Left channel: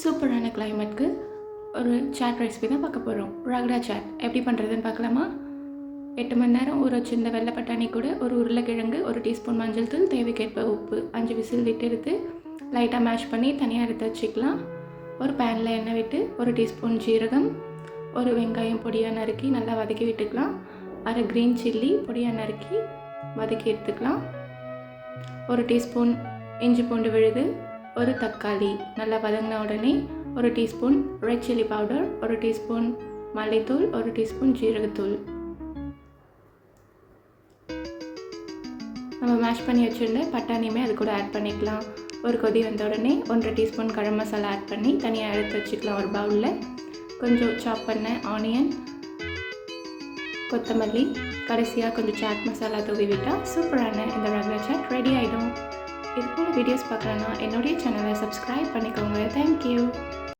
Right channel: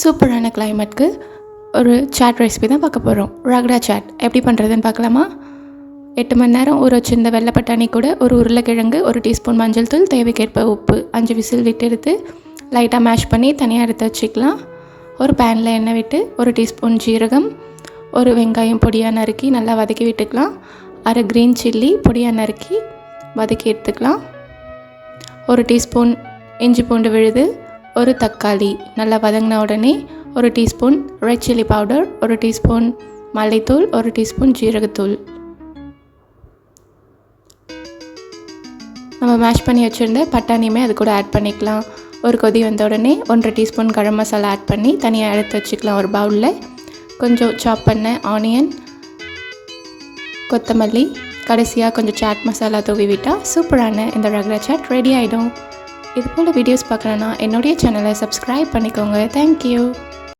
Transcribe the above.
சூப்பரான கிளைமேட்க்கு ஒரு chat recipe தான் பார்க்க போகிறோம். ரகடா சாட் எப்படி பண்ணுறதுன்னு பார்க்கலாமா? 8 மணி நேரம் ஊற வச்சிருந்த வெள்ளை பட்டாணி கூட ஒரு உருளைக்கிழங்கு, 1 டீஸ்பூன் மஞ்சள் தூள், தேவைக்கேற்ப உப்பு, 5 விசில் விட்டு எடுத்து லைட்டாக மேஷ் பண்ணி தனியாக எடுத்து வச்சுக்கலாம். ஒரு பேனில் எண்ணெய் விட்டு 1 டீஸ்பூன் ஜீரகம், ஒரு வெங்காயம் பொடியாக நறுக்கி நல்லா வதக்கி விட்டுக்கலாம். 1/2 க்ரீன் சில்லி பொடியாக நறுக்கி வதக்கி எடுத்துக்கலாம். 1 டீஸ்பூன் இஞ்சி பூண்டு விழுது, ஒரு தக்காளி நல்லா வதங்கின உடனே 1 teaspoon red chilli powder, 1 teaspoon மல்லித்தூள், 1 டீஸ்பூன் ஜீரகத்தூள், நம்ம மேஷ் பண்ணி வச்சுருந்த பட்டாணியுமே அது கூட ஆட் பண்ணிக்கலாம். ஒரு கொதி வந்த உடனே 1/2 டீஸ்பூன் கரம் மசாலா ஆட் பண்ணி தனியாக எடுத்து வச்சுக்கலாம். ஒரு பவுலில் கொஞ்சம் சாப் பண்ண ஆனியன், கொத்தமல்லி, கடைசியாக கொஞ்சம் சாட் மசாலா தூவி விட்டால் சூப்பரான இந்த ரகடா சாட் ரெடி ஆகிடும். இது போல் வீடியோஸ் பார்க்கணுன்னா என்னுடைய சேனலை சப்ஸ்கிரைப் பண்ணிக்கோங்க. தேங்க்யூ.